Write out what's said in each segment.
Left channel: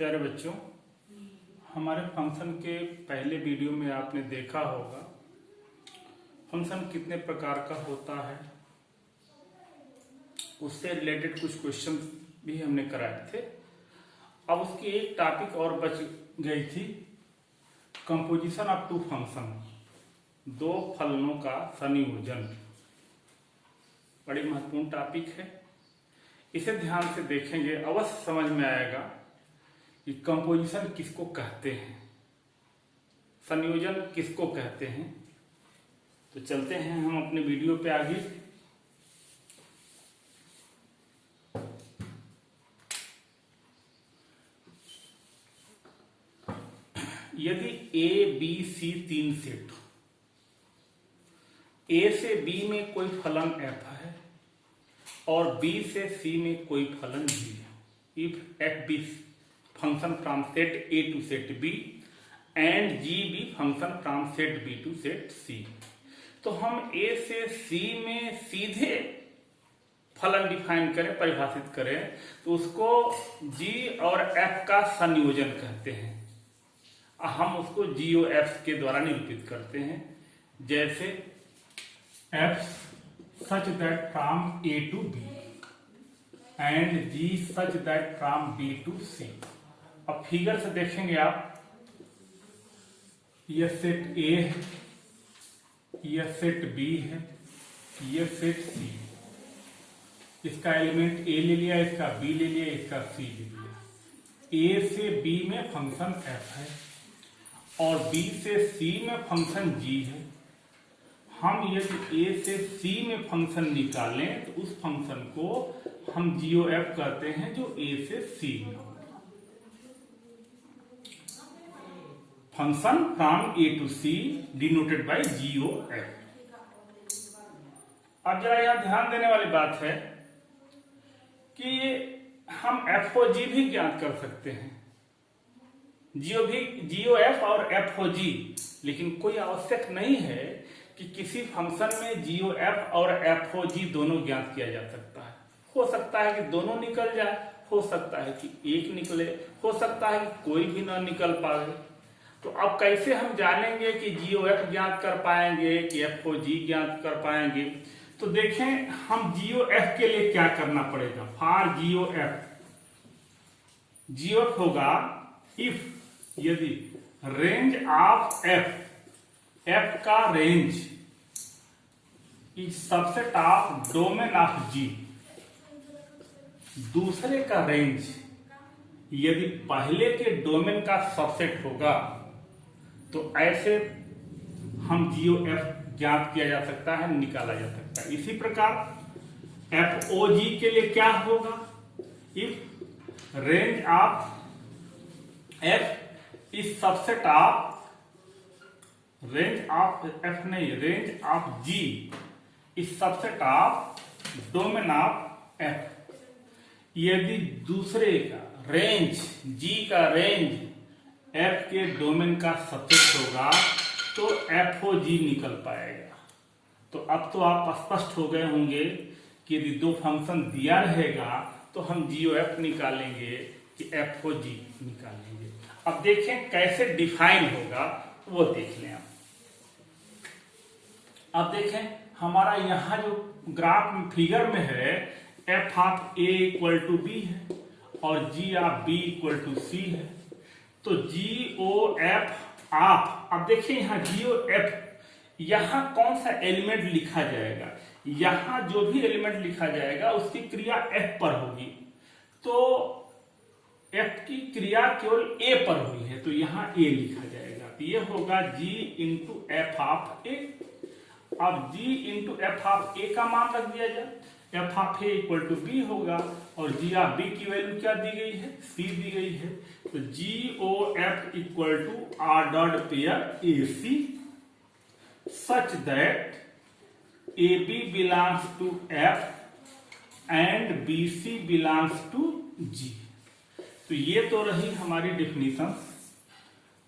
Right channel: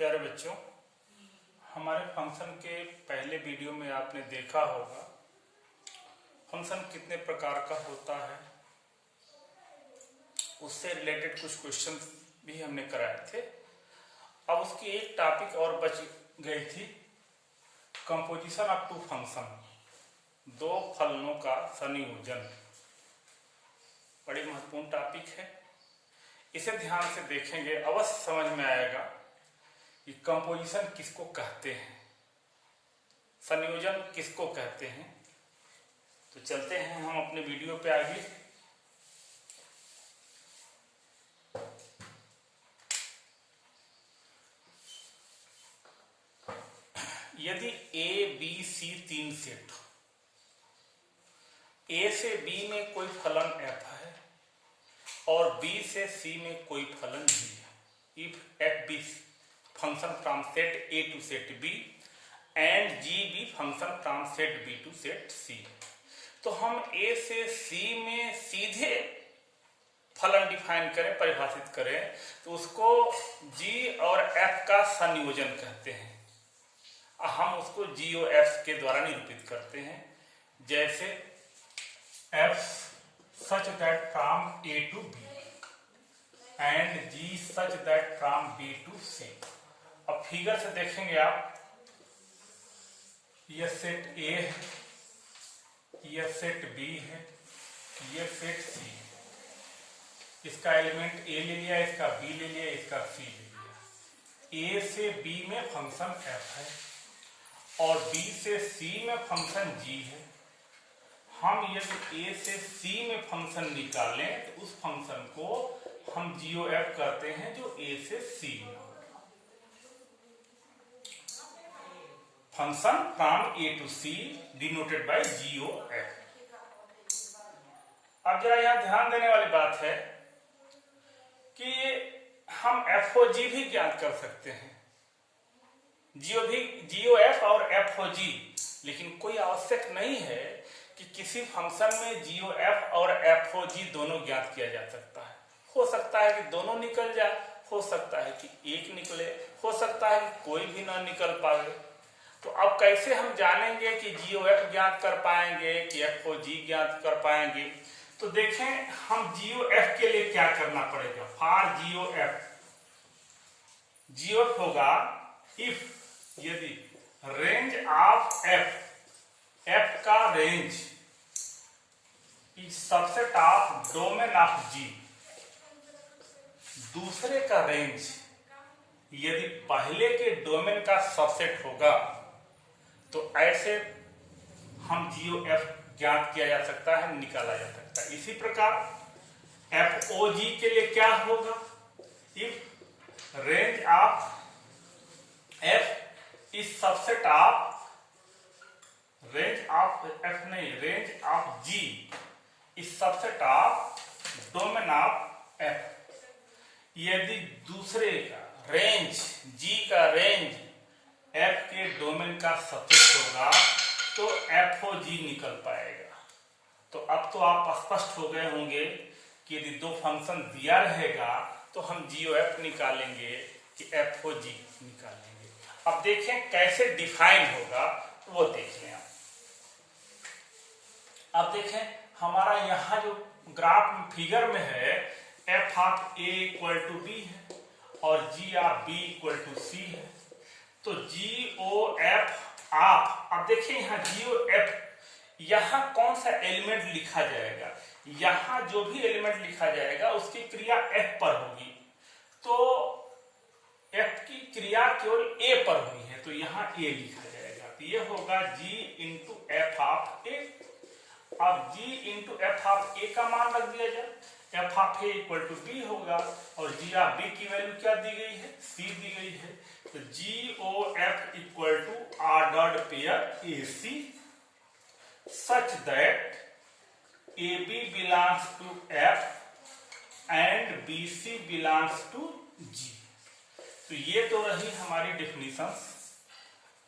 प्यारे बच्चों, हमारे फंक्शन के पहले वीडियो में आपने देखा होगा फंक्शन कितने प्रकार का होता है। उससे रिलेटेड कुछ क्वेश्चन भी हमने कराए थे। अब उसकी एक टॉपिक और बच गई थी, कंपोजिशन ऑफ टू फंक्शन, दो फलनों का संयोजन। बड़ी महत्वपूर्ण टॉपिक है, इसे ध्यान से देखेंगे अवश्य समझ में आएगा कि कंपोजिशन किसको कहते हैं, संयोजन किसको कहते हैं। तो चलते हैं हम अपने वीडियो पे आगे। यदि ए बी सी तीन सेट, ए से बी में कोई फलन एफ है और बी से सी में कोई फलन जी है, if f be function from set A to set B and g be function from set B to set C, तो हम ए से सी में सीधे फलन डिफाइन करें, परिभाषित करें, तो उसको जी और एफ का संयोजन कहते हैं। हम उसको जी ओ एफ के द्वारा निरूपित करते हैं, जैसे f such that from A to B and g such that from B to C. अब फिगर से देखेंगे आप, यह सेट ए है, यह सेट बी है, यह सेट सी है। इसका एलिमेंट ए ले लिया, इसका बी ले लिया, इसका सी ले लिया। ए से बी में फंक्शन एफ है और बी से सी में फंक्शन जी है। हम यदि ए से सी में फंक्शन निकालें तो उस फंक्शन को हम जीओ एफ कहते हैं, जो ए से सी में होगा। Function from A to C denoted by G O F. अब जरा यहां ध्यान देने वाली बात है कि हम एफ ओ जी भी ज्ञात कर सकते हैं, जीओ एफ और एफ ओ जी, लेकिन कोई आवश्यक नहीं है कि किसी फंक्शन में जीओ एफ और एफ ओ जी दोनों ज्ञात किया जा सकता है। हो सकता है कि दोनों निकल जाए, हो सकता है कि एक निकले, हो सकता है कि कोई भी ना निकल पाए। तो अब कैसे हम जानेंगे कि जीओ एफ ज्ञात कर पाएंगे कि एफ ओ जी ज्ञात कर पाएंगे? तो देखें, हम जीओ एफ के लिए क्या करना पड़ेगा। फॉर जीओ एफ होगा इफ यदि रेंज ऑफ एफ का range is subset of domain of g, दूसरे का रेंज यदि पहले के डोमेन का सबसेट होगा, तो ऐसे हम जीओ एफ ज्ञात किया जा सकता है, निकाला जा सकता है। इसी प्रकार एफ ओ जी के लिए क्या होगा, if range of F is subset of range of G is subset of domain of F. यदि दूसरे का रेंज, जी का रेंज एफ के डोमेन का सबसेट होगा तो एफ ओ जी निकल पाएगा। तो अब तो आप स्पष्ट हो गए होंगे कि यदि दो फंक्शन दिया रहेगा तो हम जीओ एफ निकालेंगे कि एफ ओ जी निकालेंगे। अब देखें कैसे डिफाइन होगा, वो देख लें आप। अब देखें, हमारा यहां जो ग्राफ फिगर में है, F of A equal to B है और जी of B equal to C है। तो जी ओ एफ ऑफ, अब देखिए यहां जी ओ एफ, यहां कौन सा एलिमेंट लिखा जाएगा, यहां जो भी एलिमेंट लिखा जाएगा उसकी क्रिया एफ पर होगी। तो एफ की क्रिया केवल ए पर हुई है, तो यहां ए लिखा जाएगा। तो ये होगा g into F of a. अब g into F of a का मान रख दिया जाए, f of A equal to b होगा और जी ऑफ बी की वैल्यू क्या दी गई है, सी दी गई है। तो g o f equal to ordered pair a c such that a b belongs to f and b c belongs to g. तो ये तो रही हमारी डेफिनेशन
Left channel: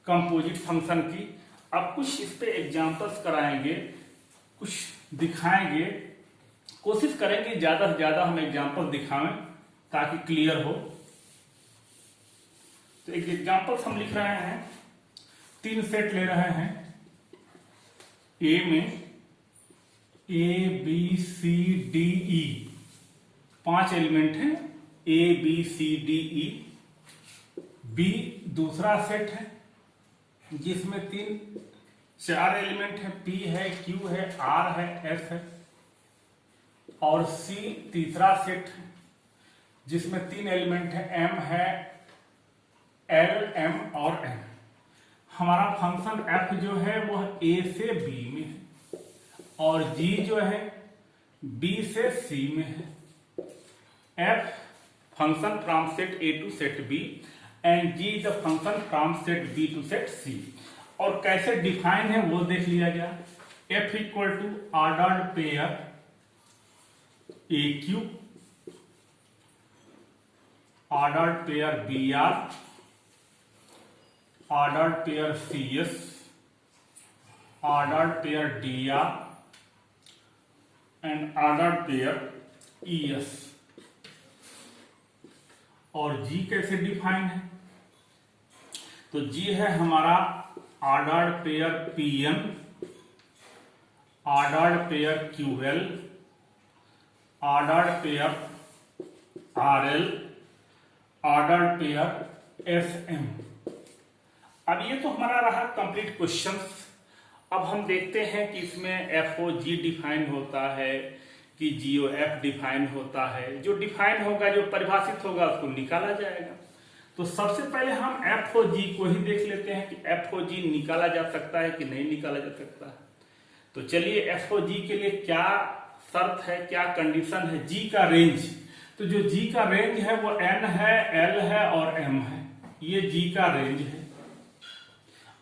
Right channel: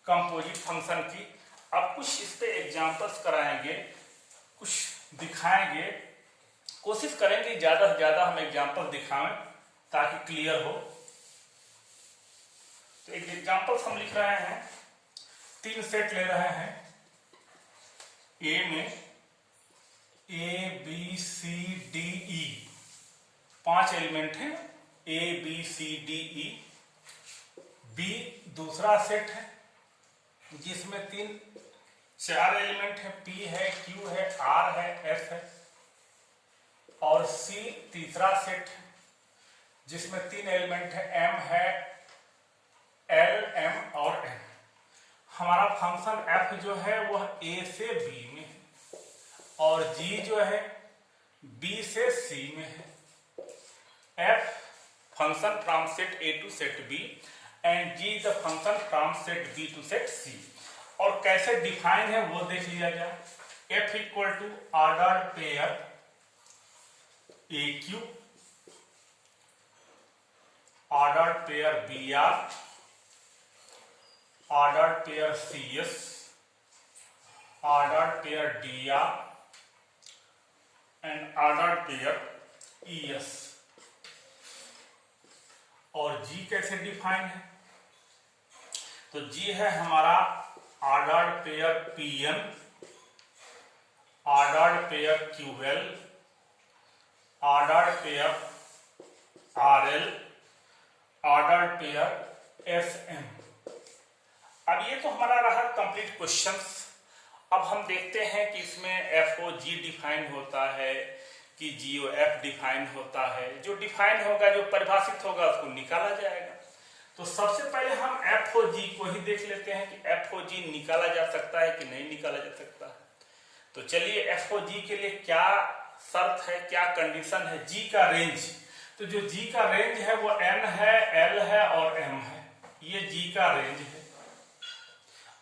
कंपोजिट फंक्शन की। अब कुछ इस पे एग्जांपल्स कराएंगे, कुछ दिखाएंगे, कोशिश करेंगे ज्यादा से ज्यादा हम एग्जांपल दिखाएं ताकि क्लियर हो। तो एक एग्जांपल हम लिख रहे हैं, 3 सेट ले रहे हैं। ए में ABCDE 5 एलिमेंट हैं, ABCDE। बी दूसरा सेट है जिसमें 4 एलिमेंट है, P है, Q है, R है, F है। और C तीसरा सेट है जिसमें 3 एलिमेंट है, M है, L, M और N। हमारा फंक्शन F जो है वह A से B में है और G जो है B से C में है। F function from set A to set B and G the function from set B to set C। और कैसे डिफाइन है वो देख लिया जाए। F equal to ordered pair AQ, ordered pair BR, ordered pair CS, ordered pair DR and ordered pair ES। और G कैसे define है? तो G है हमारा ordered pair PN, ordered pair QL, ordered pair RL, ordered pair SM। अब ये तो हमारा रहा कंप्लीट क्वेश्चंस। अब हम देखते हैं कि इसमें FOG डिफाइन होता है कि GOF डिफाइन होता है। जो डिफाइन होगा, जो परिभाषित होगा, उसको निकाला जाएगा। तो सबसे पहले हम FOG को ही देख लेते हैं कि FOG निकाला जा सकता है कि नहीं निकाला जा सकता है। तो चलिए FOG के लिए क्या शर्त है, क्या कंडीशन है। G का रेंज, तो जो G का रेंज है वो N है, L है और M है। ये G का रेंज है।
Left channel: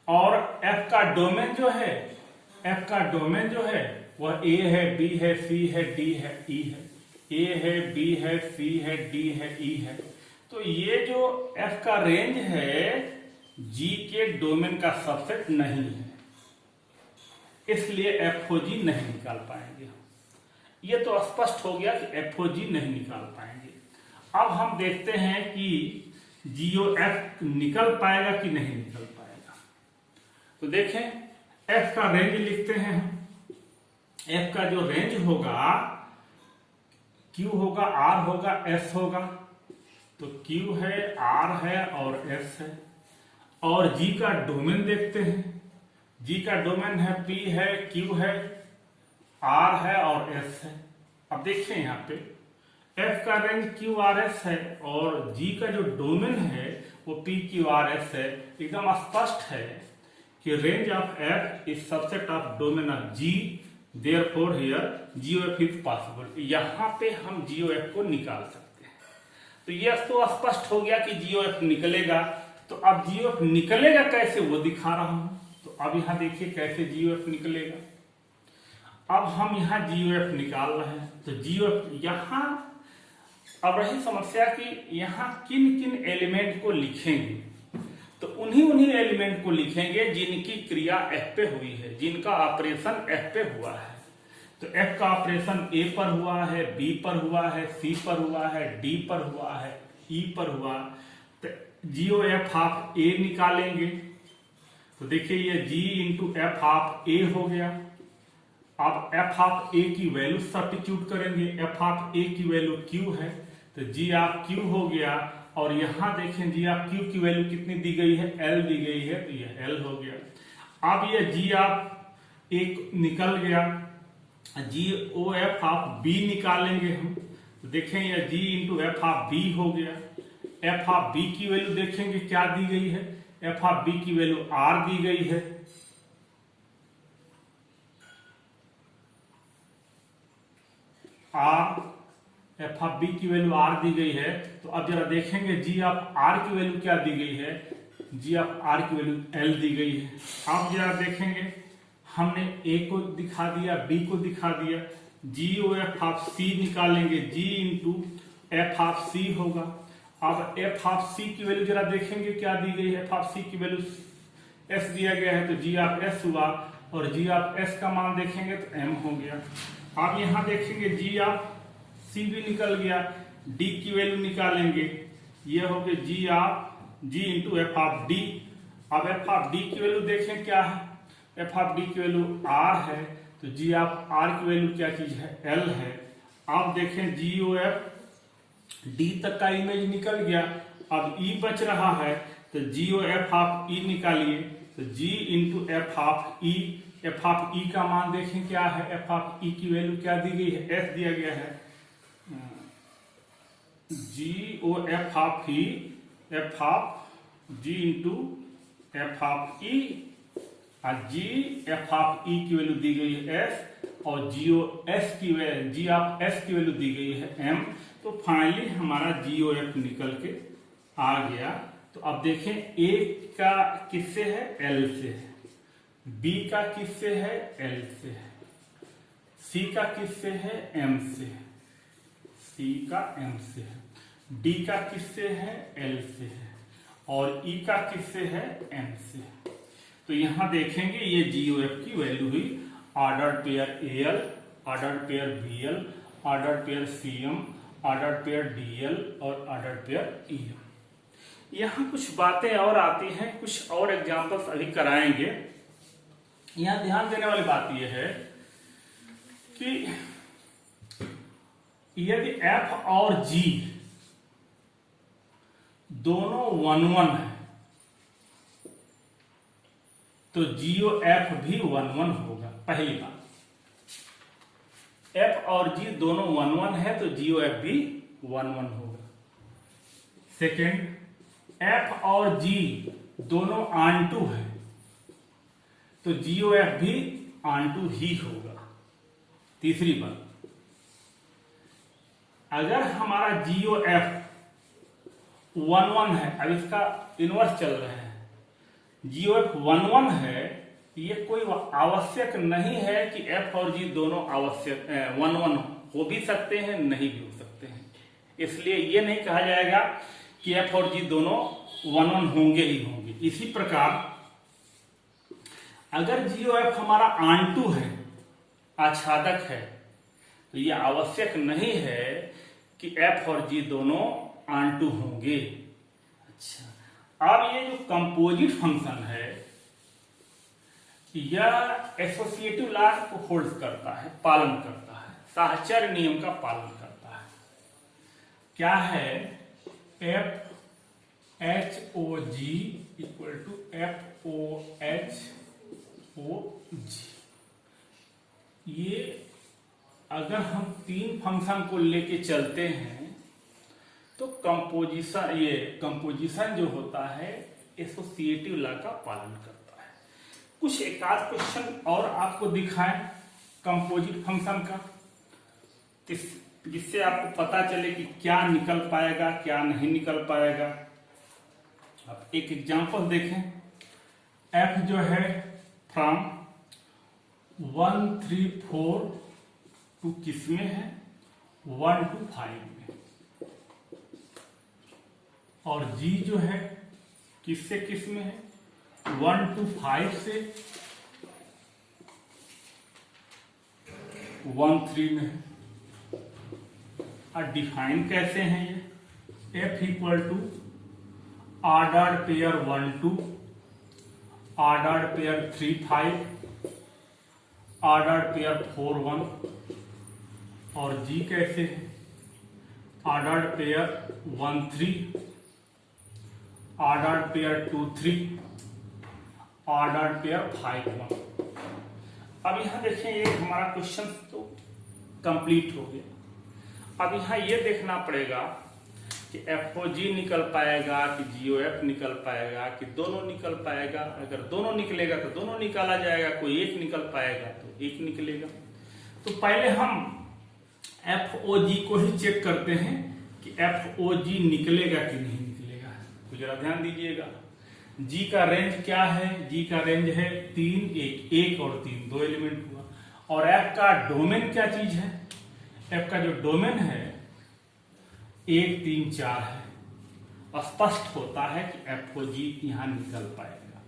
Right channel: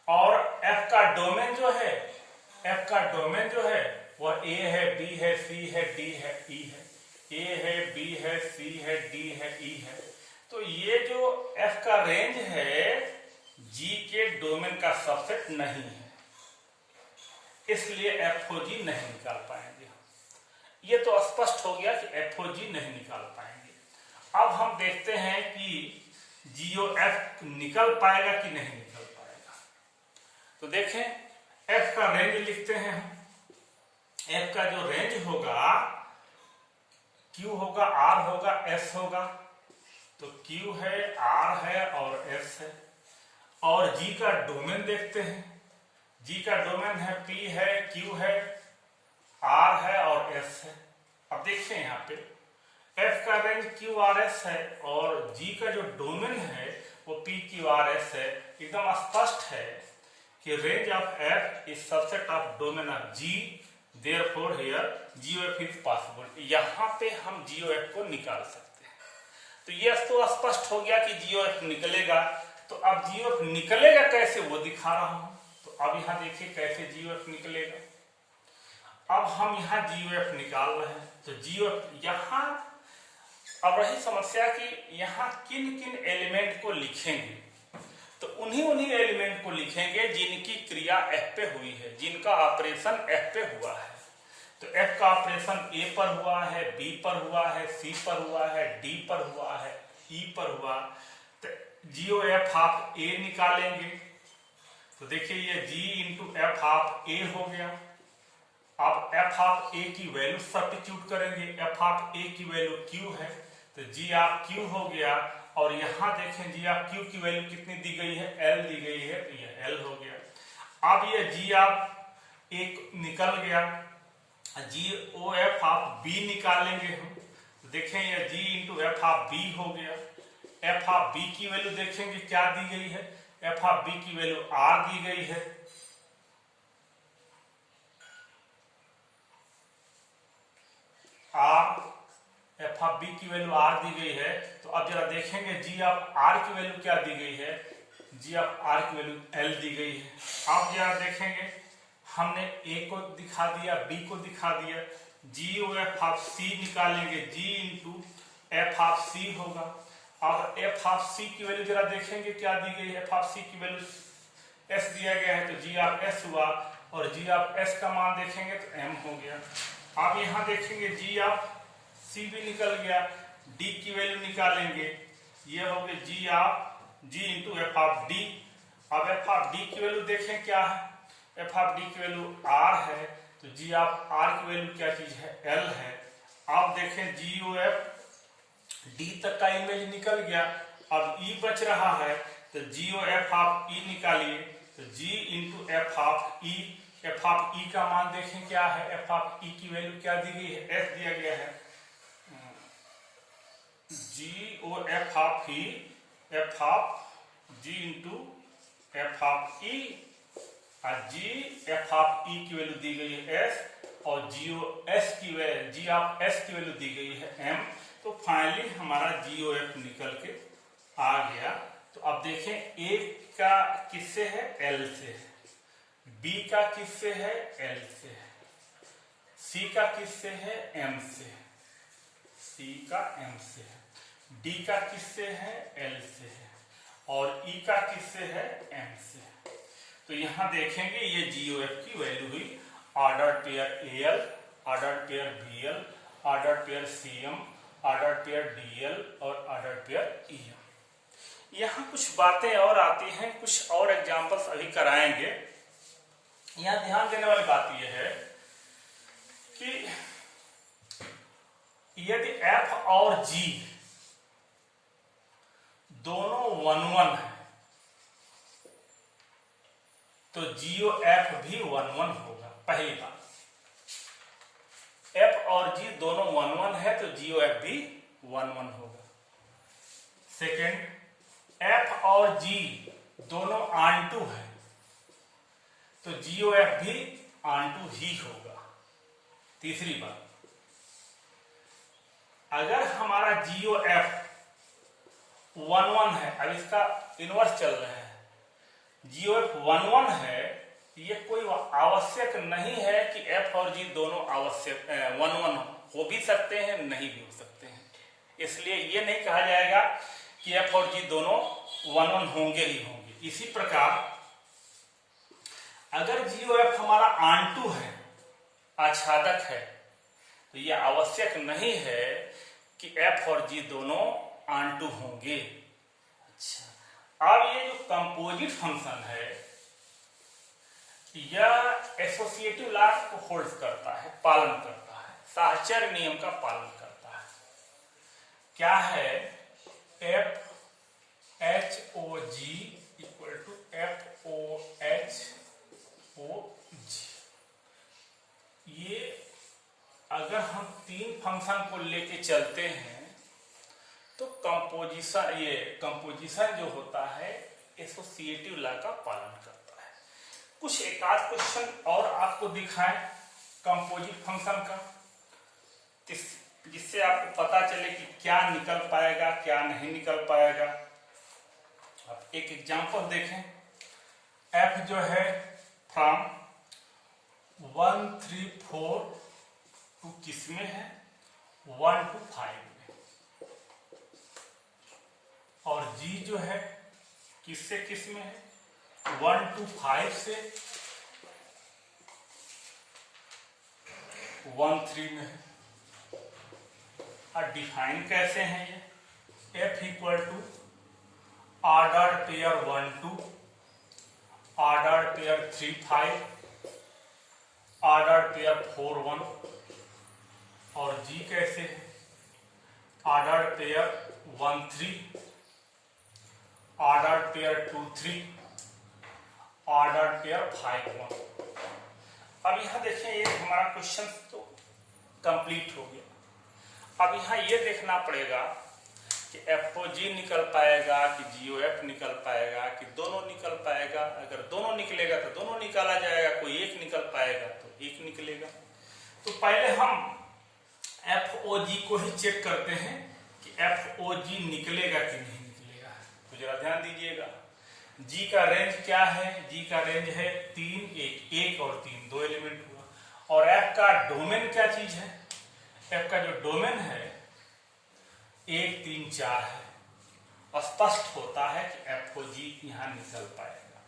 और F का डोमेन जो है, F का डोमेन जो है वह A है, B है, C है, D है, E है। A है, B है, C है, D है, E है। तो ये जो F का रेंज है G के डोमेन का सबसेट नहीं है, इसलिए FOG नहीं निकाल पाएंगे। ये तो स्पष्ट हो गया कि FOG नहीं निकाल पाएंगे। अब हम देखते हैं कि GOF निकल पाएगा कि नहीं निकल पाएगा। तो देखें F का रेंज लिखते हैं हम। F का जो रेंज होगा, Q होगा, R होगा, S होगा। तो Q है, R है और S है। और G का डोमेन देखते हैं। G का डोमेन है P है, Q है, R है और S है। अब देखिए यहाँ पे F का रेंज QRS है और G का जो डोमेन है वो PQRS है। एकदम स्पष्ट है कि range of F is subset of domain of G, therefore here GOF is possible। यहाँ पे हम GOF को निकाल सकते हैं। तो ये तो स्पष्ट हो गया कि GOF निकलेगा। तो अब GOF निकलेगा कैसे वो दिखा रहा हूं। तो अब यहाँ देखिए कैसे GOF निकलेगा। अब हम यहाँ GOF निकाल रहे हैं। तो GOF यहाँ, अब रही समस्या कि यहाँ किन किन एलिमेंट को लिखेंगे। तो उन्हीं एलिमेंट को लिखेंगे जिनकी क्रिया F पे हुई है, जिनका ऑपरेशन F पे हुआ है। तो F का ऑपरेशन A पर हुआ है, B पर हुआ है, C पर हुआ है, D पर हुआ है, E पर हुआ। तो GOF ऑफ A निकालेंगे। तो देखिए ये G into F of A हो गया। अब F ऑफ A की वैल्यू सब्स्टिट्यूट करेंगे। F ऑफ A की वैल्यू Q है, तो G ऑफ Q हो गया। और यहाँ देखें G ऑफ Q की वैल्यू कितनी दी गई है, L दी गई है, तो ये L हो गया। अब ये G ऑफ A निकल गया। GOF ऑफ B निकालेंगे हम। तो देखें ये G into F of B हो गया। F ऑफ B की वैल्यू देखेंगे क्या दी गई है। F ऑफ B की वैल्यू R दी गई है। F ऑफ B की वैल्यू R दी गई है। तो अब जरा देखेंगे G ऑफ R की वैल्यू क्या दी गई है। G ऑफ R की वैल्यू L दी गई है। अब जरा देखेंगे, हमने A को दिखा दिया, B को दिखा दिया। GOF ऑफ C निकालेंगे। G into F of C होगा। अब F ऑफ C की वैल्यू जरा देखेंगे क्या दी गई है। F ऑफ C की वैल्यू S दिया गया है, तो G ऑफ S हुआ। और G ऑफ S का मान देखेंगे तो M हो गया। अब यहाँ देखेंगे G ऑफ C भी निकल गया। D की वैल्यू निकालेंगे, ये हो गई G of ji into F of D. अब एफ ऑफ डी की वैल्यू देखें क्या है, एफ ऑफ डी की वैल्यू आर है, तो जी ऑफ आर की वैल्यू क्या चीज है, एल है। अब देखें जी ओ एफ डी तक का इमेज निकल गया, अब ई बच रहा है, तो g o f of e निकालिए, तो g into F of e. F of e का मान देखें क्या है, एफ ऑफ ई की वैल्यू क्या दी गई है, एस दिया गया है, g o f of e, f of ji into F of e, और जी एफ ऑफ ई की वैल्यू दी गई है एस, और जी ओ एस की वैल्यू, जी ऑफ एस की वैल्यू दी गई है एम। तो फाइनली हमारा जी ओ एफ निकल के आ गया। तो अब देखें ए का किससे है, एल से है, बी का किससे है, एल से है, सी का किससे है, एम से है, सी का एम से है, डी का किससे है, एल से है, और ई का किससे है, एम से है। तो यहां देखेंगे ये जीओएफ की वैल्यू हुई ordered pair AL, ordered pair BL, ordered pair CM, ordered pair DL और ऑर्डर्ड पेयर ईएम। यहां कुछ बातें और आती हैं, कुछ और एग्जांपल्स अभी कराएंगे। यहां ध्यान देने वाली बात यह है कि यदि एफ और जी दोनों 1-1 है तो जीओ एफ भी 1-1 होगा। पहली बात, एफ और जी दोनों 1-1 है तो जीओ एफ भी 1-1 होगा। सेकेंड, एफ और जी दोनों ऑन-टू है तो जीओ एफ भी ऑन-टू ही होगा। तीसरी बात, अगर हमारा जीओ एफ 1-1 है, अब इसका इनवर्स चल रहा है, जीओ एफ 1-1 है, ये कोई आवश्यक नहीं है कि एफ और जी दोनों आवश्यक 1-1 हो भी सकते हैं, नहीं भी हो सकते हैं। इसलिए ये नहीं कहा जाएगा कि एफ और जी दोनों 1-1 होंगे ही होंगे। इसी प्रकार अगर जीओ एफ हमारा ऑन-टू है, आच्छादक है, तो यह आवश्यक नहीं है कि एफ और जी दोनों ऑन-टू होंगे। अच्छा, अब ये जो कंपोजिट फंक्शन है यह एसोसिएटिव लॉ को होल्ड करता है, पालन करता है, साहचर्य नियम का पालन करता है। क्या है, f h o g equal to f o h o g. ये अगर हम तीन फंक्शन को लेके चलते हैं तो कंपोजिशन, ये कंपोजिशन जो होता है एसोसिएटिव लॉ का पालन करता है। कुछ एक आध क्वेश्चन और आपको दिखाएं कंपोजिट फंक्शन का, जिससे आपको पता चले कि क्या निकल पाएगा क्या नहीं निकल पाएगा। अब एक एग्जांपल देखें, एफ जो है फ्रॉम 1, 3, 4 टू किस में है, 1 to 5 में, और जी जो है किससे किस में है, 1 to 5 से 1, 3 में है। और डिफाइन कैसे हैं ये, F equal to ordered pair 1, 2, ordered pair 3, 5, ordered pair 4, 1, और जी कैसे है, ordered pair 1, 3, ordered pair 2, 3, ordered pair 5, 1। अब यहां देखें, ये हमारा क्वेश्चन तो कंप्लीट हो गया। अब यहां ये देखना पड़ेगा कि एफ ओ जी निकल पाएगा कि जीओ एफ निकल पाएगा कि दोनों निकल पाएगा। अगर दोनों निकलेगा तो दोनों निकाला जाएगा, कोई एक निकल पाएगा तो एक निकलेगा। तो पहले हम एफ ओ जी को ही चेक करते हैं कि एफ ओ जी निकलेगा कि नहीं निकलेगा। तो जरा ध्यान दीजिएगा, जी का रेंज क्या है, जी का रेंज है 3, 1 और 3, 2 एलिमेंट हुआ। और एफ का डोमेन क्या चीज है, एफ का जो डोमेन है 1, 3, 4 है। स्पष्ट होता है कि एफ ओ जी यहां निकल पाएगा,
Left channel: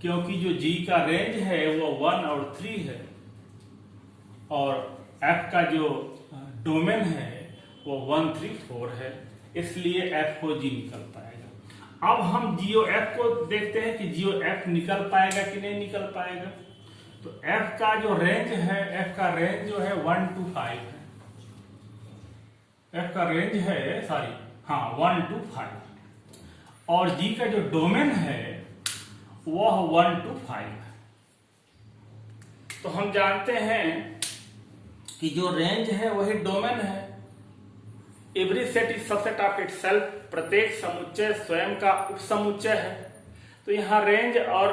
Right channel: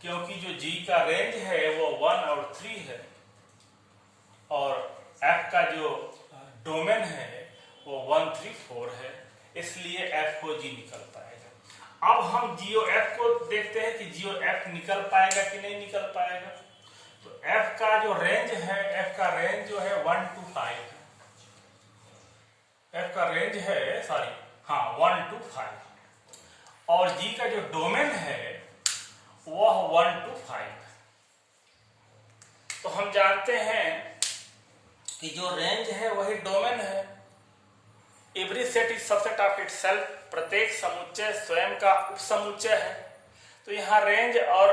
क्योंकि जो जी का रेंज है वो 1 और 3 है, और एफ का जो डोमेन है वो 1, 3, 4 है, इसलिए एफ ओ जी निकल पाएगा। अब हम जीओ एफ को देखते हैं कि जीओ एफ निकल पाएगा कि नहीं निकल पाएगा। तो एफ का जो रेंज है, एफ का रेंज जो है 1 to 5 है। एफ का रेंज है 1 to 5 और जी का जो डोमेन है वह 1 to 5 है। तो हम जानते हैं कि जो रेंज है वही डोमेन है। Every set is subset of itself, प्रत्येक समुच्चय स्वयं का उपसमुच्चय है। तो यहाँ रेंज और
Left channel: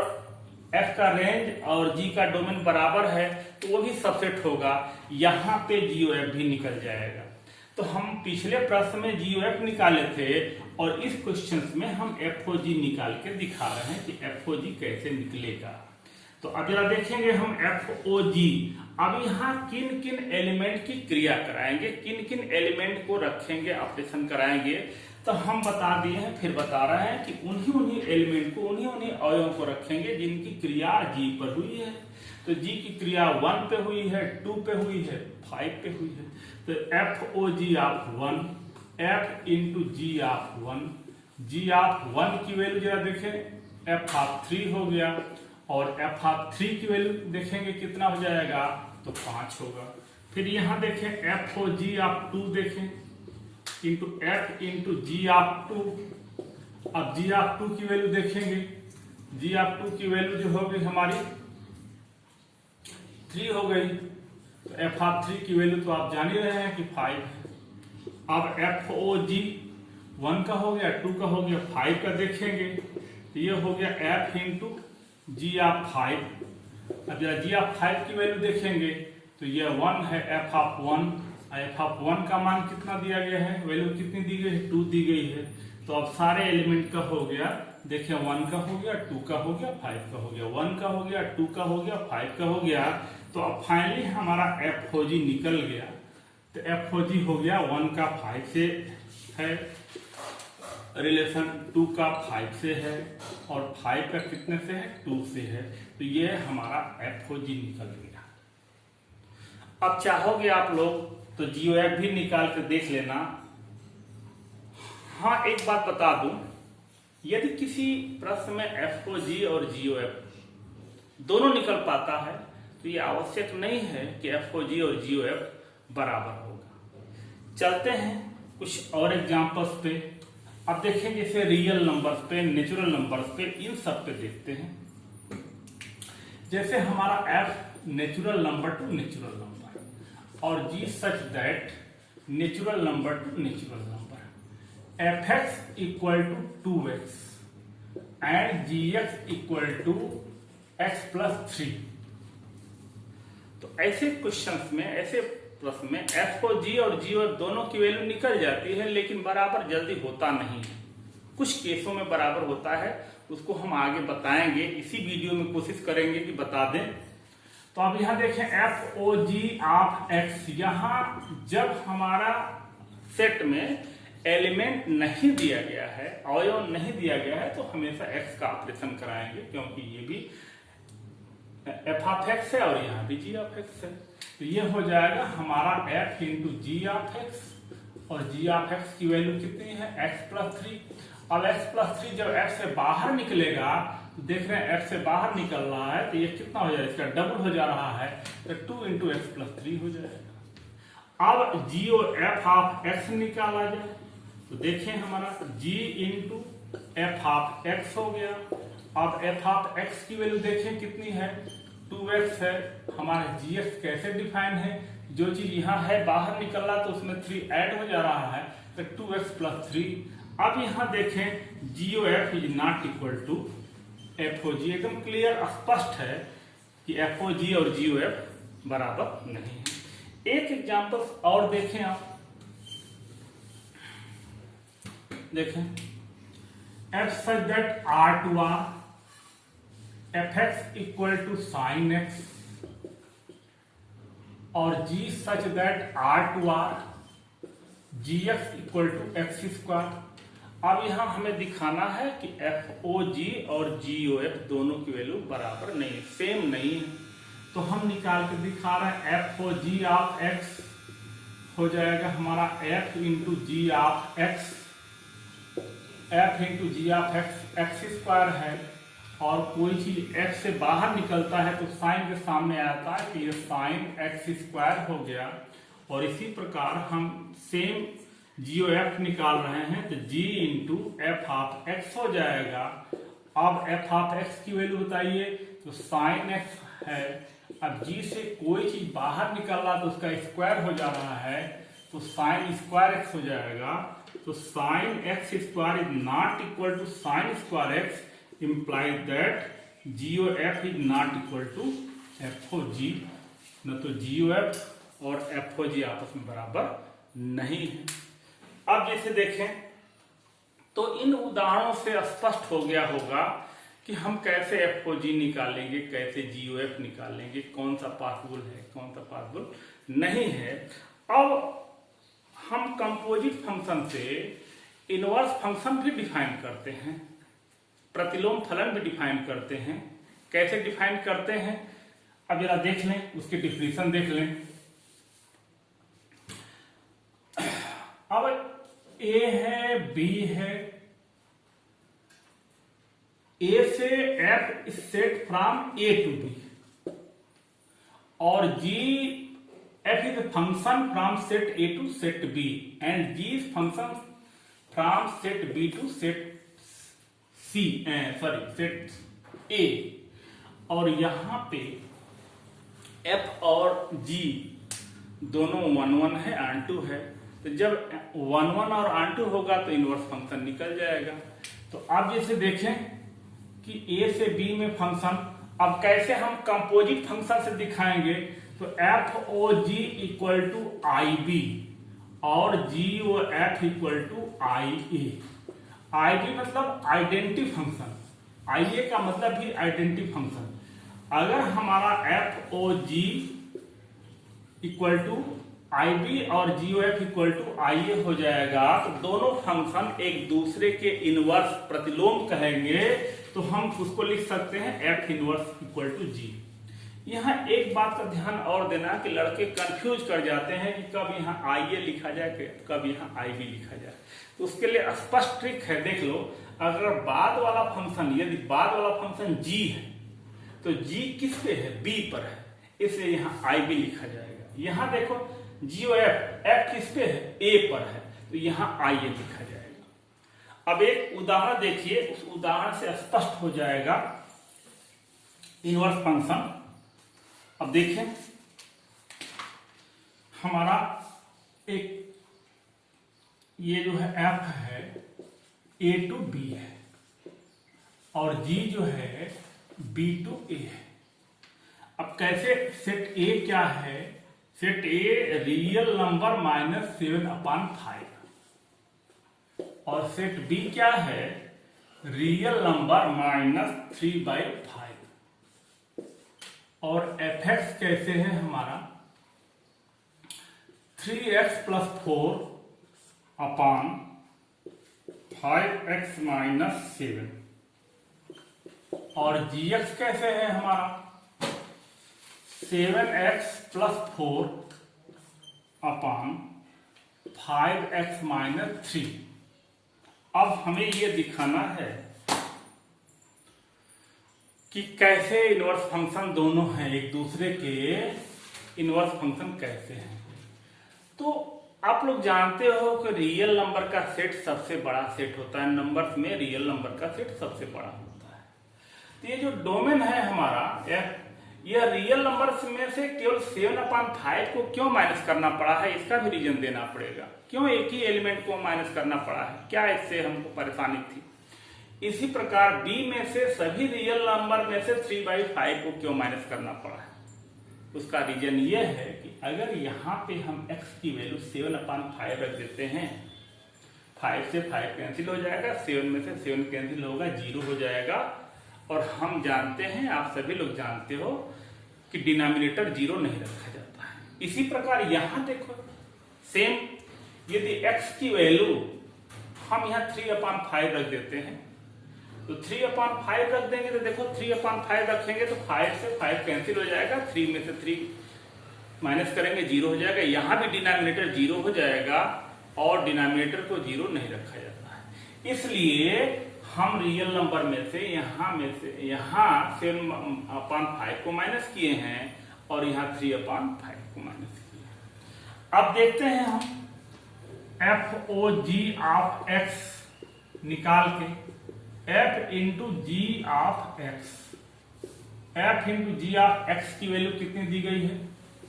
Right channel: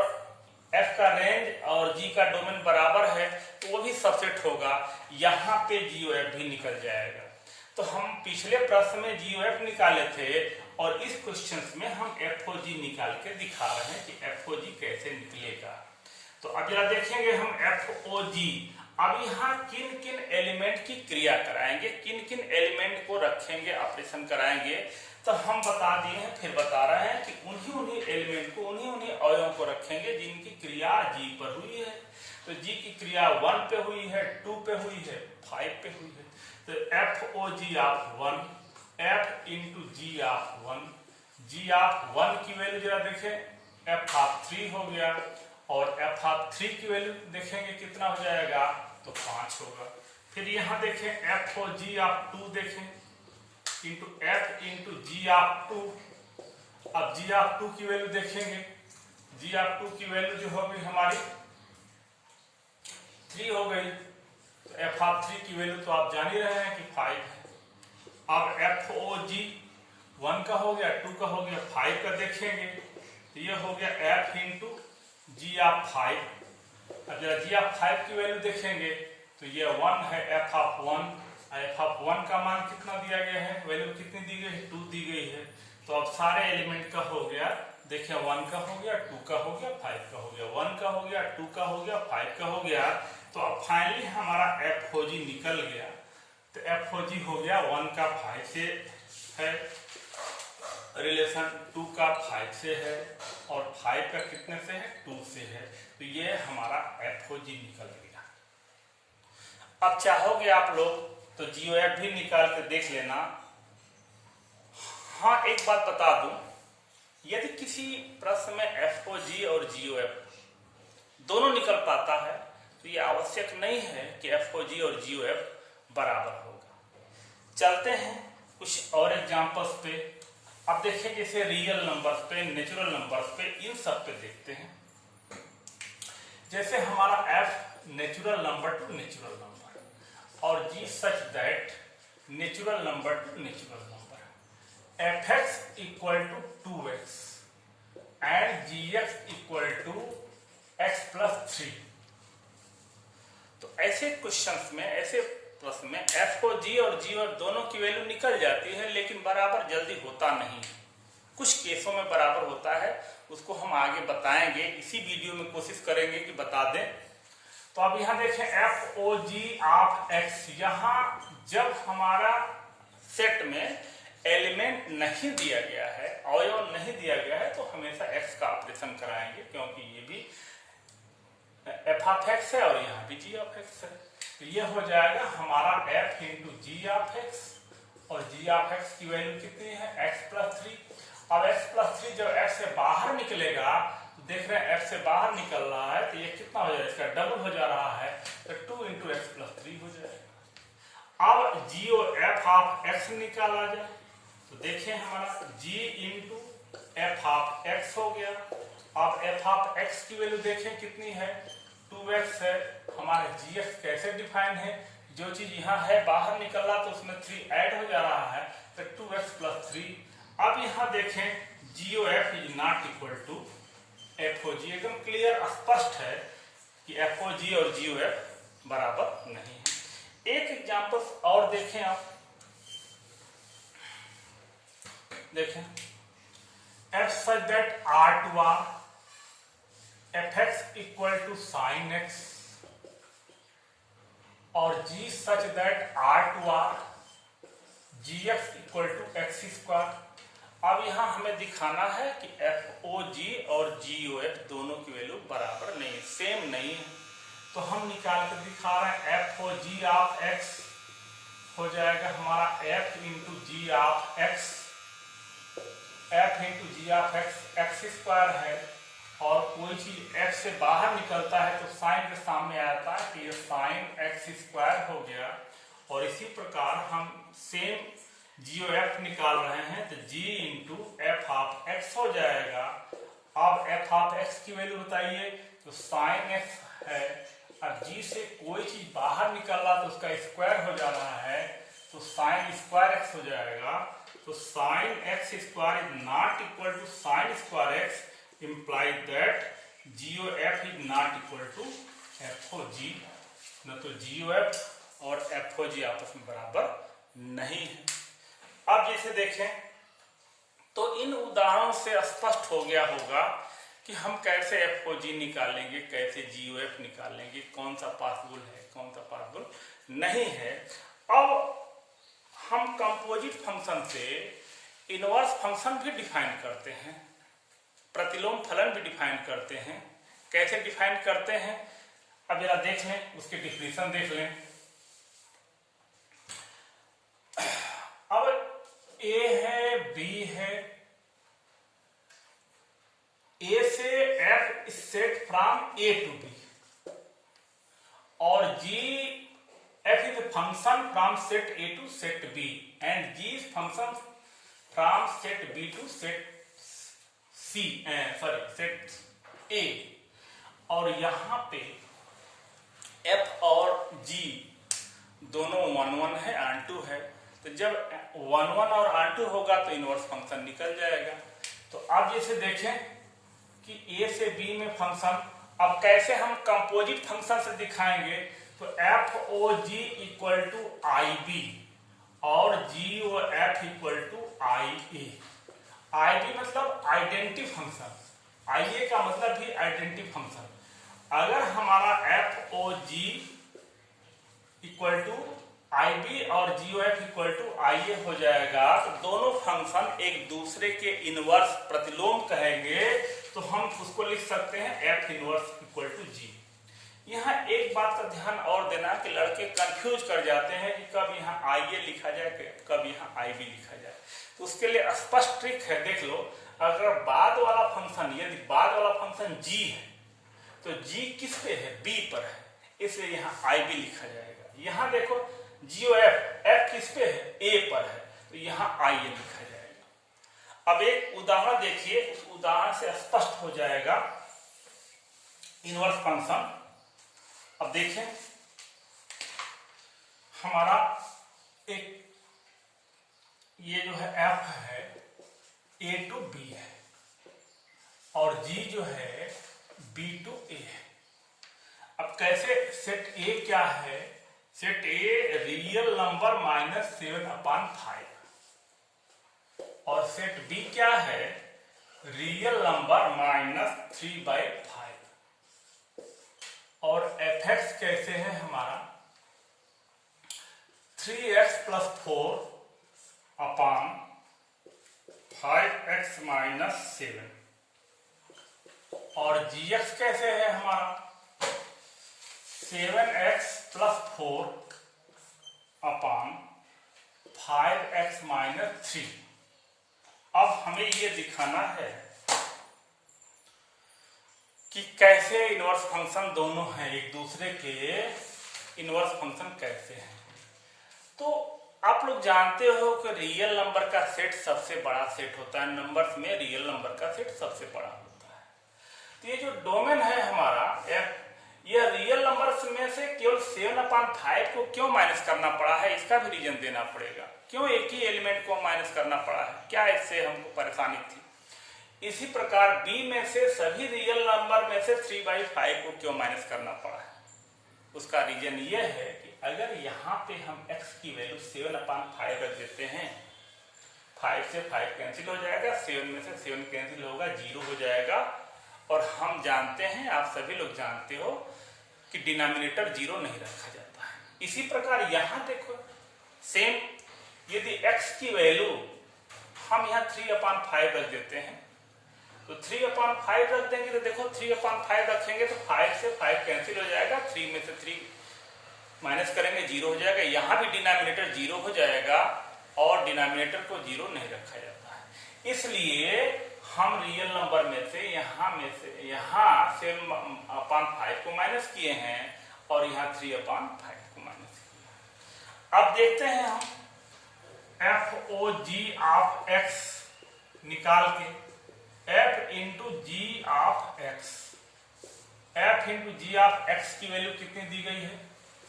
एफ का रेंज और जी का डोमेन बराबर है तो वो भी सबसेट होगा, यहाँ पे जीओ एफ भी निकल जाएगा। तो हम पिछले प्रश्न में जीओ एफ निकाले थे और इस क्वेश्चन में हम एफ ओ जी निकाल के दिखा रहे हैं कि एफ ओ जी कैसे निकलेगा। तो अब जरा देखेंगे हम एफ ओ जी। अब यहाँ किन किन एलिमेंट की क्रिया कराएंगे, किन किन एलिमेंट को रखेंगे, ऑपरेशन कराएंगे। तो हम बता दिए हैं, फिर बता रहे हैं कि उन्हीं एलिमेंट को, उन्हीं अवयवों को रखेंगे जिनकी क्रिया जी पर हुई है। तो जी की क्रिया 1 पे हुई है, 2 पे हुई है, 5 पे हुई है। तो F O G of 1, F into G of 1, G of 1 की वैल्यू जरा देखें, एफ ऑफ 3 हो गया और एफ ऑफ 3 की वैल्यू देखेंगे कितना हो जाएगा, तो 5 होगा। फिर यहाँ देखें एफ ओ जी ऑफ 2 देखें into F into G of 2। अब जी ऑफ 2 की वैल्यू देखेंगे, जी ऑफ 2 की वैल्यू जो होगी हमारी 3 हो गई। तो एफ ऑफ 3 की वैल्यू तो आप जान ही रहे हैं कि 5 है। अब एफ ओ जी 1 का हो गया, 2 का हो गया, 5 का देखेंगे तो ये हो गया एफ इंटू जी ऑफ 5। अब जरा जी ऑफ 5 की वैल्यू देखेंगे तो ये 1 है, एफ ऑफ 1। एफ ऑफ 1 का मान कितना दिया गया है, वैल्यू कितनी दी गई है, 2 दी गई है। तो अब सारे एलिमेंट का हो गया, देखिए 1 का हो गया, 2 का हो गया, 5 का हो गया, 1 का हो गया, 2 का हो गया, 5 का हो गया। तो अब फाइनली हमारा एफ ओ जी निकल गया। तो एफ ओ जी हो गया 1 का 5 से है रिलेशन, 2 का 5 से है और 5 का कितने से है, 2 से है। तो ये हमारा एफ ओ जी निकल गया। अब चाहोगे आप लोग तो जीओ एफ भी निकाल कर देख लेना। हाँ, एक बात बता दूं, यदि किसी प्रश्न में एफ ओ जी और जीओ एफ दोनों निकल पाता है तो ये आवश्यक नहीं है कि एफ ओ जी और जीओ एफ बराबर होगा। चलते हैं कुछ और एग्जांपल्स पे। अब देखिए जैसे रियल नंबर्स पे, नेचुरल नंबर्स पे, इन सब पे देखते हैं। जैसे हमारा f natural number to natural number और g such that natural number to natural number, f x equal to 2x and g x equal to x plus 3। तो ऐसे क्वेश्चंस में, ऐसे प्रश्न में एफ को जी और जी और दोनों की वैल्यू निकल जाती है, लेकिन बराबर जल्दी होता नहीं है। कुछ केसों में बराबर होता है, उसको हम आगे बताएंगे, इसी वीडियो में कोशिश करेंगे कि बता दें। तो अब यहां देखें F O G of X, यहां जब हमारा सेट में एलिमेंट नहीं दिया गया है, अवयव नहीं दिया गया है, तो हमेशा एक्स का ऑपरेशन कराएंगे, क्योंकि ये भी एफ ऑफ एक्स है और यहाँ भी जी ऑफ एक्स है। तो ये हो जाएगा हमारा F into G of X और जी ऑफ एक्स की वैल्यू कितनी है, एक्स प्लस 3। अब एक्स प्लस 3 जब एफ से बाहर निकलेगा, तो देख रहे हैं एफ से बाहर निकल रहा है तो ये कितना हो जाएगा, इसका डबल हो जा रहा है, तो 2 इंटू एक्स प्लस 3 हो जाएगा। अब जी और एफ ऑफ एक्स निकाला जाए तो देखें हमारा जी इंटू एफ ऑफ एक्स हो गया। अब एफ ऑफ एक्स की वैल्यू देखें कितनी है, 2x है। हमारे gx कैसे डिफाइन है, जो चीज यहाँ है बाहर निकल रहा तो उसमें 3 ऐड हो जा रहा है, तो 2x प्लस 3। अब यहाँ देखें g o f is not equal to f O g, एकदम क्लियर स्पष्ट है कि एफ ओ जी और जीओ एफ बराबर नहीं है। एक एग्जांपल और देखें आप, देखें f such that R to R f x equal to sine x और g such that R to R g x equal to x square. अब यहां हमें दिखाना है कि एफ ओ जी और जी ओ एफ दोनों की वैल्यू बराबर नहीं, सेम नहीं है। तो हम निकाल के दिखा रहे हैं, F O G of X हो जाएगा हमारा F into G of X F into G of X X square है, और कोई चीज एक्स से बाहर निकलता है तो साइन के सामने आता है, तो ये साइन एक्स स्क्वायर हो गया। और इसी प्रकार हम सेम जीओ एफ निकाल रहे हैं, तो g into F of X हो जाएगा। अब एफ ऑफ एक्स की वैल्यू बताइए, तो साइन एक्स है। अब जी से कोई चीज बाहर निकल रहा तो उसका स्क्वायर हो जा रहा है, तो साइन स्क्वायर एक्स हो जाएगा। तो sine X square is not equal to sine square X, implies that GOF is not equal to FOG, न तो GOF और FOG आपस में बराबर नहीं है। अब जैसे देखें तो इन उदाहरणों से स्पष्ट हो गया होगा कि हम कैसे FOG निकालेंगे, कैसे GOF निकालेंगे, कौन सा पॉसिबल है, कौन सा पॉसिबल नहीं है। अब हम कंपोजिट फंक्शन से इनवर्स फंक्शन भी डिफाइन करते हैं, प्रतिलोम फलन भी डिफाइन करते हैं। कैसे डिफाइन करते हैं अब जरा देख लें, उसकी डिफिनेशन देख लें। अब ए है, बी है, ए से f is set from A to B, और g f is function from set A to set B, and g is function from set B to set set A. और यहां पे एफ और जी दोनों 1 1 है, ऑन2 है, तो जब 1 1 और ऑन2 होगा तो इनवर्स फंक्शन निकल जाएगा। तो आप जैसे देखें कि ए से बी में फंक्शन, अब कैसे हम कंपोजिट फंक्शन से दिखाएंगे, तो F O g equal to I B और g o f equal to I A. I B मतलब आइडेंटिटी फंक्शन, आई ए का मतलब भी आइडेंटिटी फंक्शन। अगर हमारा f O g equal to I B और g o f equal to I A हो जाएगा, तो दोनों फंक्शन एक दूसरे के इनवर्स प्रतिलोम कहेंगे, तो हम उसको लिख सकते हैं एफ इनवर्स इक्वल टू जी। यहाँ एक बात का ध्यान और देना कि लड़के कंफ्यूज कर जाते हैं कि कब यहाँ आई ए लिखा जाए, कब यहाँ आई बी लिखा जाए। तो उसके लिए स्पष्ट ट्रिक है, देख लो। अगर बाद वाला फंक्शन, यदि बाद वाला फंक्शन g है, तो g किस पे है, b पर है, इसलिए यहाँ आई बी लिखा जाएगा। यहाँ देखो जी और एफ किस पे है, a पर है, तो यहाँ आई ए लिखा जाएगा। अब एक उदाहरण देखिए, उस उदाहरण से स्पष्ट हो जाएगा इनवर्स फंक्शन। अब देखें हमारा एक ये जो है एफ है ए टू बी है, और जी जो है बी टू ए है। अब कैसे, सेट ए क्या है, सेट ए रियल नंबर -7/5, और सेट बी क्या है, रियल नंबर -3/5। और एफ एक्स कैसे है हमारा 3x + 4 अपान 5x - 7, और gx कैसे है हमारा 7x + 4 अपान 5x - 3। अब हमें ये दिखाना है कि कैसे इनवर्स फंक्शन दोनों हैं, एक दूसरे के इनवर्स फंक्शन कैसे हैं। तो आप लोग जानते हो कि रियल नंबर का सेट सबसे बड़ा सेट होता है, नंबर्स में रियल नंबर का सेट सबसे बड़ा होता है। तो ये जो डोमेन है हमारा एफ, यह रियल नंबर्स में से केवल 7/5 को क्यों माइनस करना पड़ा है, इसका भी रीजन देना पड़ेगा। क्यों एक ही एलिमेंट को माइनस करना पड़ा है, क्या इससे हमको परेशानी थी। इसी प्रकार b में से सभी रियल नंबर में से 3/5 को क्यों माइनस करना पड़ा है, उसका रीजन ये है कि अगर यहाँ पे हम x की वैल्यू 7/5 रख देते हैं, 5 से 5 कैंसिल हो जाएगा, 7 में से 7 कैंसिल होगा, 0 हो जाएगा। और हम जानते हैं, आप सभी लोग जानते हो कि डिनोमिनेटर 0 नहीं रखा जाता है। इसी प्रकार यहाँ देखो सेम, यदि x की वैल्यू हम यहाँ 3/5 रख देते हैं, तो 3/5 रख देंगे, तो देखो 3/5 रखेंगे तो 5 से 5 कैंसिल हो जाएगा, 3 में से 3 माइनस करेंगे, 0 हो जाएगा। यहाँ भी डिनोमिनेटर 0 हो जाएगा, और डिनोमिनेटर को 0 नहीं रखा जाता है। इसलिए हम रियल नंबर में से यहाँ 7/5 को माइनस किए हैं और यहाँ 3/5 को माइनस किए हैं। अब देखते हैं हम FOG ऑफ x निकाल के f into G of x, f into G of x की वैल्यू कितनी दी गई है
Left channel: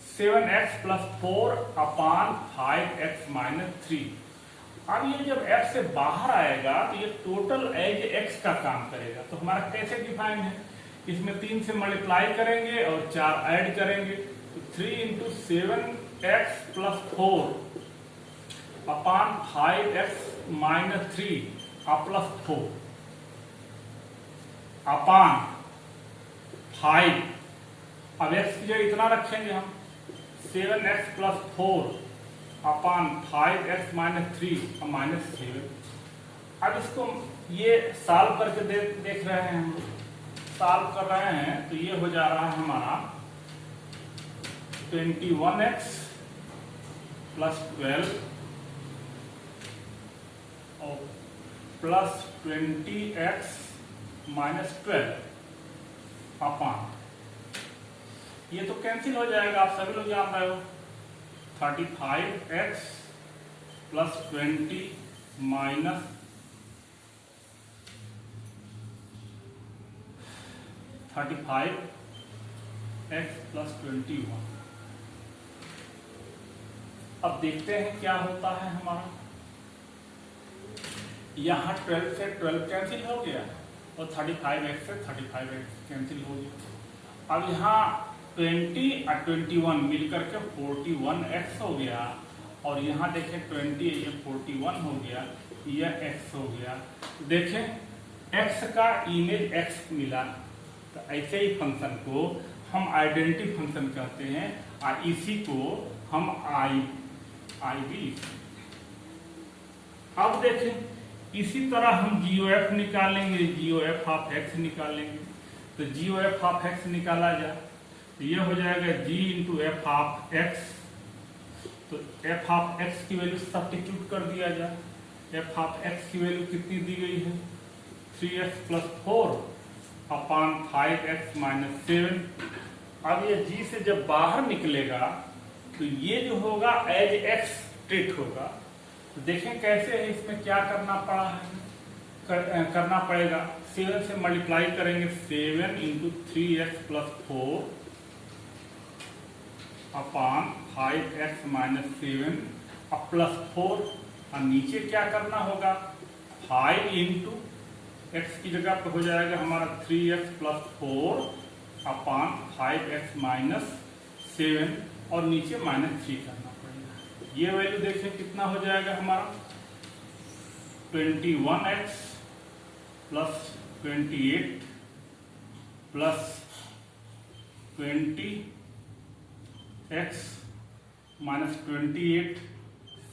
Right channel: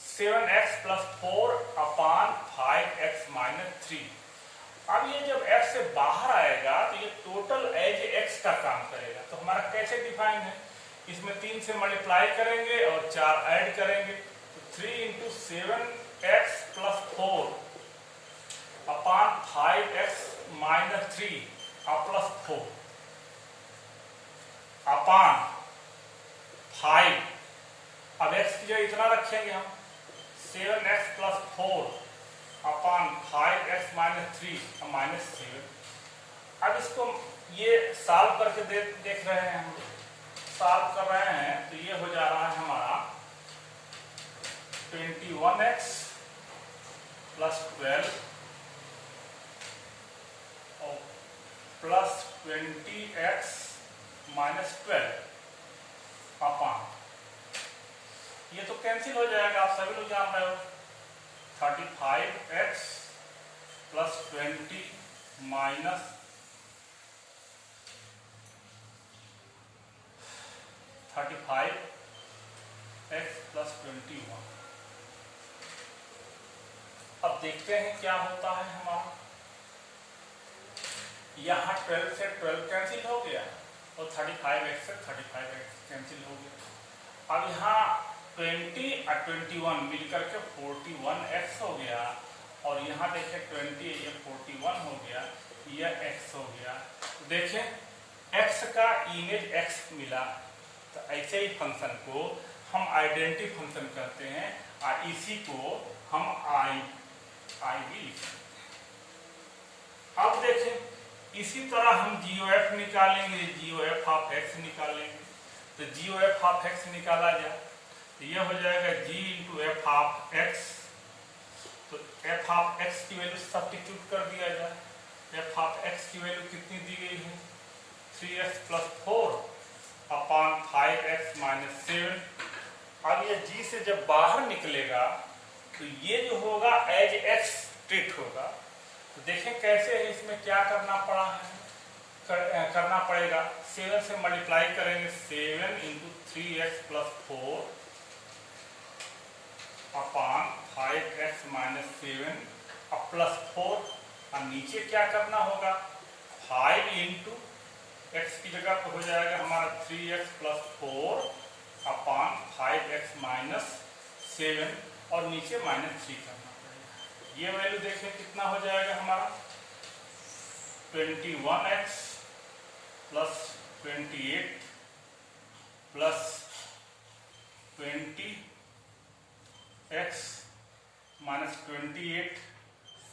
7x + 4/5x - 3। अब ये जब f से बाहर आएगा तो ये टोटल एज x का काम करेगा। तो हमारा कैसे डिफाइन है, इसमें 3 से मल्टीप्लाई करेंगे और 4 ऐड करेंगे तो 3 इंटू 7x + 4/5x - 3 + 4 अपान 5। अब x की जगह इतना रखेंगे हम 7x + 4/5x - 3 -7। अब इसको ये सॉल्व करके देख रहे हैं, हम सॉल्व कर रहे हैं तो ये हो जा रहा है हमारा 21x + 12 और प्लस 20x - 12 अपान, ये तो कैंसिल हो जाएगा, आप सभी लोग जान रहे हो। 35x + 20 minus 35x + 21। अब देखते हैं क्या होता है हमारा। यहाँ 12 से 12 कैंसिल हो गया और 35x से 35x कैंसिल हो गया। अब यहाँ 20 और 21 मिलकर के 41x हो गया और यहाँ देखें 20 ये 41 हो गया, यह x हो गया। तो देखें x का इमेज x मिला। तो ऐसे ही फंक्शन को हम आइडेंटिटी फंक्शन कहते हैं और इसी को हम आई भी लिख सकते हैं। अब देखें इसी तरह हम GOF निकालेंगे, GOF ऑफ x निकालेंगे। तो GOF ऑफ x निकाला जाए तो यह हो जाएगा G into F of x। तो F ऑफ x की वैल्यू सब्स्टिट्यूट कर दिया जाए। F ऑफ x की वैल्यू कितनी दी गई है 3x + 4/5x - 7। अब ये G से जब बाहर निकलेगा तो ये जो होगा एज x ट्रीट होगा। तो देखें कैसे है, इसमें क्या करना पड़ा है, करना पड़ेगा 7 से मल्टीप्लाई करेंगे 7 इंटू 3x + 4/5x - 7 अब +4। अब नीचे क्या करना होगा 5 इंटू x की जगह पर हो जाएगा हमारा 3x + 4/5x - 7 और नीचे -3 करना पड़ेगा। ये वैल्यू देखें कितना हो जाएगा हमारा 21x + 28 + 20x - 28।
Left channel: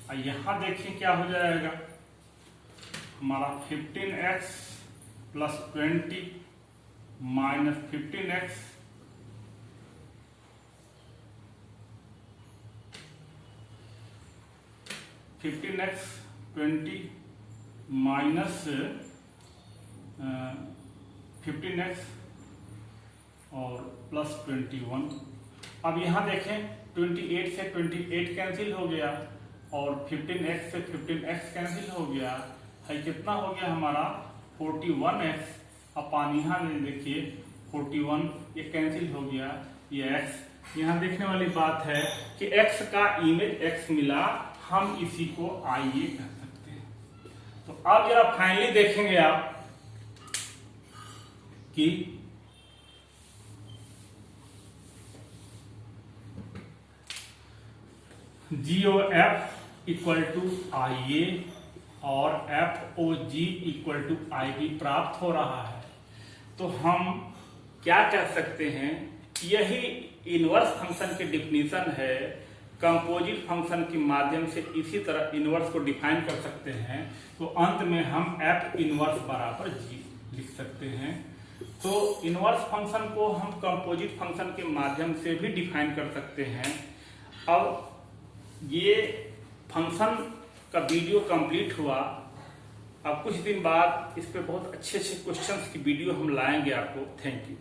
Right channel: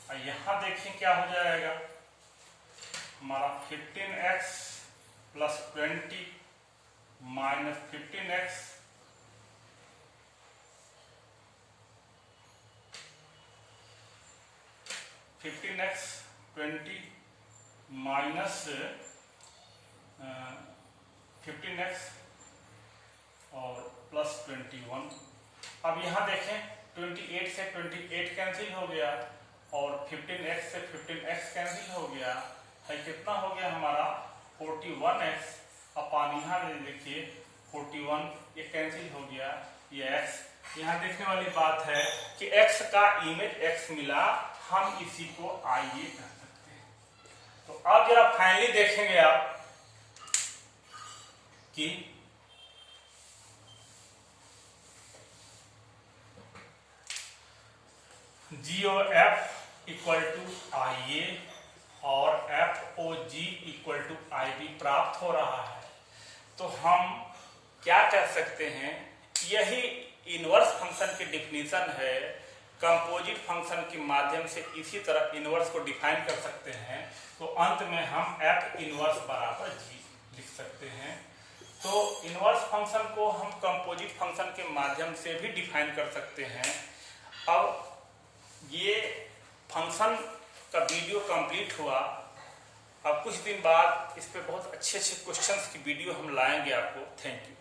और यहाँ देखें क्या हो जाएगा हमारा 15x + 20 - 15x 20 माइनस 15x और प्लस 21। अब यहाँ देखें 28 से 28 कैंसिल हो गया और 15x से 15x कैंसिल हो गया है। कितना हो गया हमारा 41x अपान यहाँ देखिए 41 ये कैंसिल हो गया, ये x। यहाँ देखने वाली बात है कि x का इमेज x मिला, हम इसी को आइए कह सकते हैं। तो अब जरा फाइनली देखेंगे आप कि GOF = IA और FOG = IB प्राप्त हो रहा है। तो हम क्या कर सकते हैं, यही इनवर्स फंक्शन की डिफिनीशन है। कंपोजिट फंक्शन के माध्यम से इसी तरह इनवर्स को डिफाइन कर सकते हैं। तो अंत में हम F इनवर्स बराबर G लिख सकते हैं। तो इनवर्स फंक्शन को हम कंपोजिट फंक्शन के माध्यम से भी डिफाइन कर सकते हैं। अब ये फंक्शन का वीडियो कंप्लीट हुआ अब कुछ दिन बाद इस पे बहुत अच्छे अच्छे क्वेश्चंस की वीडियो हम लाएंगे आपको। Thank you.